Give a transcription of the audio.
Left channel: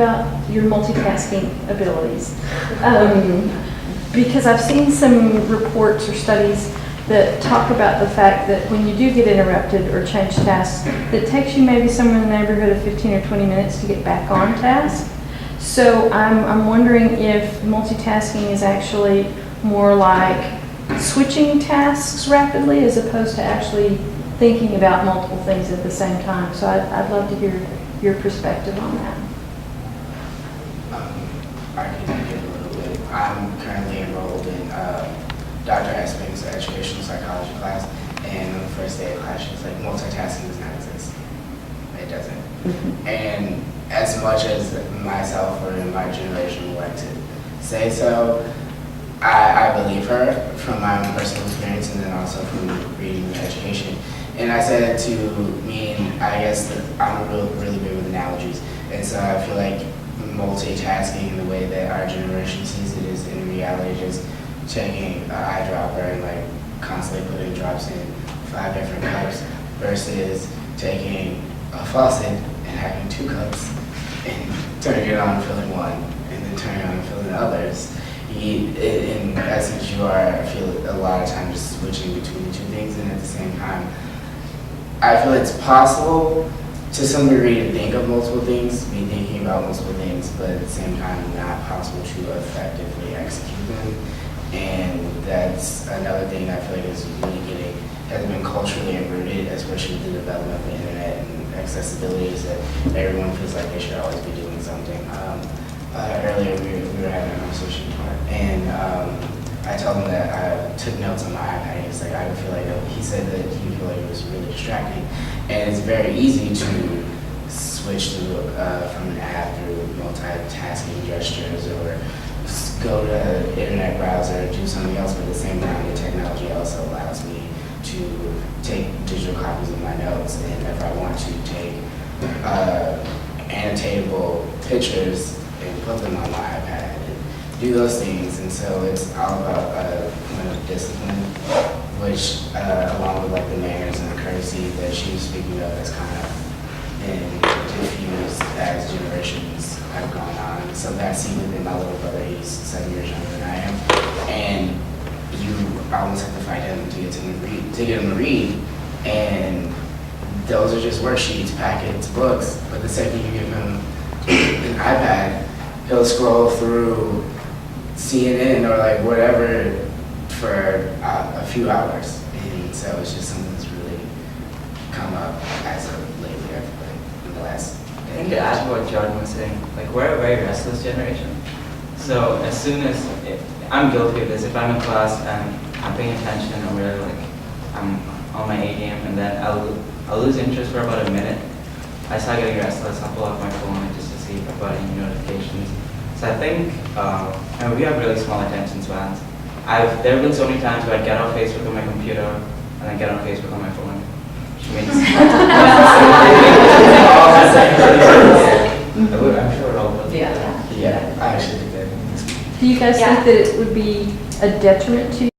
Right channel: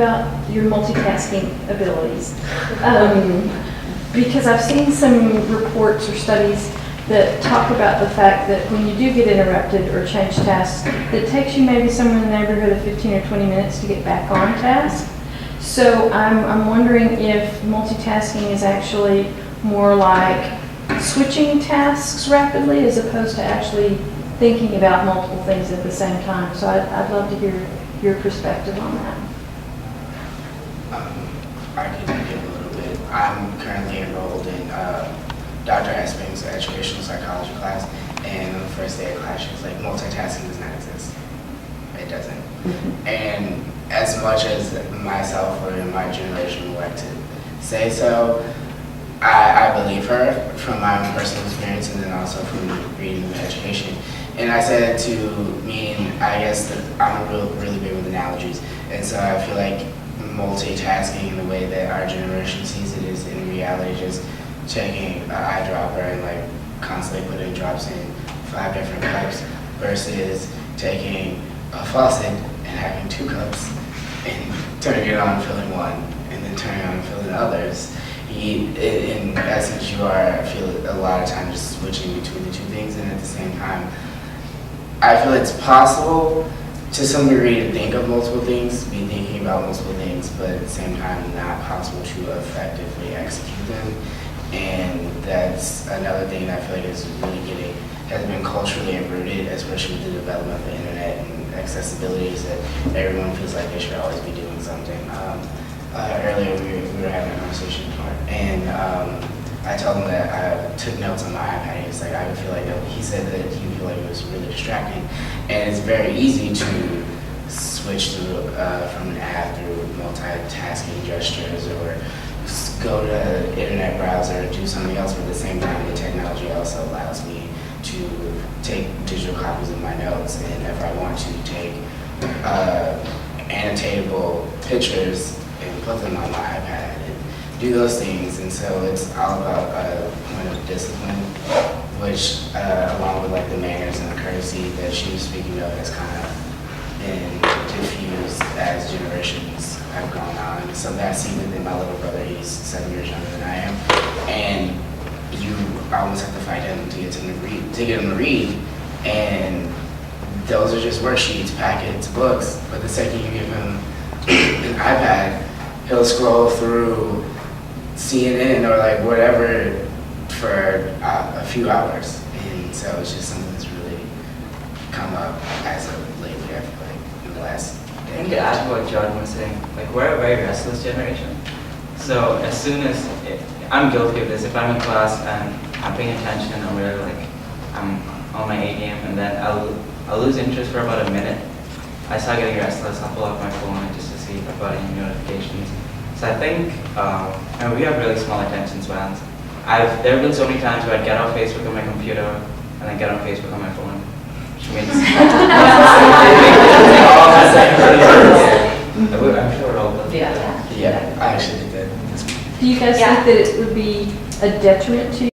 about your multitasking abilities. Because I've seen some reports or studies that talk about the fact that when you do get interrupted or change tasks, it takes you maybe somewhere in the neighborhood of 15 or 20 minutes to get back on task. So I'm wondering if multitasking is actually more like switching tasks rapidly as opposed to actually thinking about multiple things at the same time. So I'd love to hear your perspective on that. I can give a little bit. I'm currently enrolled in Dr. Esping's educational psychology class, and on the first day of class, she was like, multitasking does not exist. It doesn't. And as much as myself or in my generation would like to say so, I believe her from my own personal experience and then also from reading education. And I said to me, and I guess that I'm really big with analogies, and so I feel like multitasking in the way that our generation sees it is in reality just taking an eyedropper and like constantly putting drops in 5 different cups versus taking a faucet and having 2 cups and turning it on and filling one and then turning on and filling others. In essence, you are, I feel, a lot of times just switching between the 2 things, and at the same time, I feel it's possible to some degree to think of multiple things, be thinking about multiple things, but at the same time, not possible to effectively execute them. And that's another thing that I feel like has been culturally rooted, especially with the development of the internet and accessibility, is that everyone feels like they should always be doing something. Earlier we were having a conversation, and I told him that I took notes on my iPad. He was like, I would feel like he said that he would feel like it was really distracting, and it's very easy to switch to from an app through multitasking gestures or go to the internet browser and do something else, but at the same time the technology also allows me to take digital copies of my notes, and if I want to take annotatable pictures and put them on my iPad and do those things. And so it's all about a point of discipline, which along with like the manners and the courtesy that she was speaking of has kind of been diffused as generations have gone on. So that I see within my little brother, he's 7 years younger than I am, and you almost have to fight him to get him to read, and those are just worksheets, packets, books, but the second you give him an iPad, he'll scroll through CNN or like whatever for a few hours. And so it's just something that's really come up as of lately, I feel like, in the last I think to add to what Jordan was saying, like we're a very restless generation. So as soon as, I'm guilty of this, if I'm in class and I'm paying attention, I'm really like, I'm on my A game, and then I'll lose interest for about a minute. I start getting restless, I'll pull out my phone just to see if I've got any notifications. So I think, and we have really small attention spans. There have been so many times where I'd get on Facebook on my computer and then get on Facebook on my phone, which means I'm sure we're all guilty. Yeah, I actually did that. Do you guys think that it would be a detriment to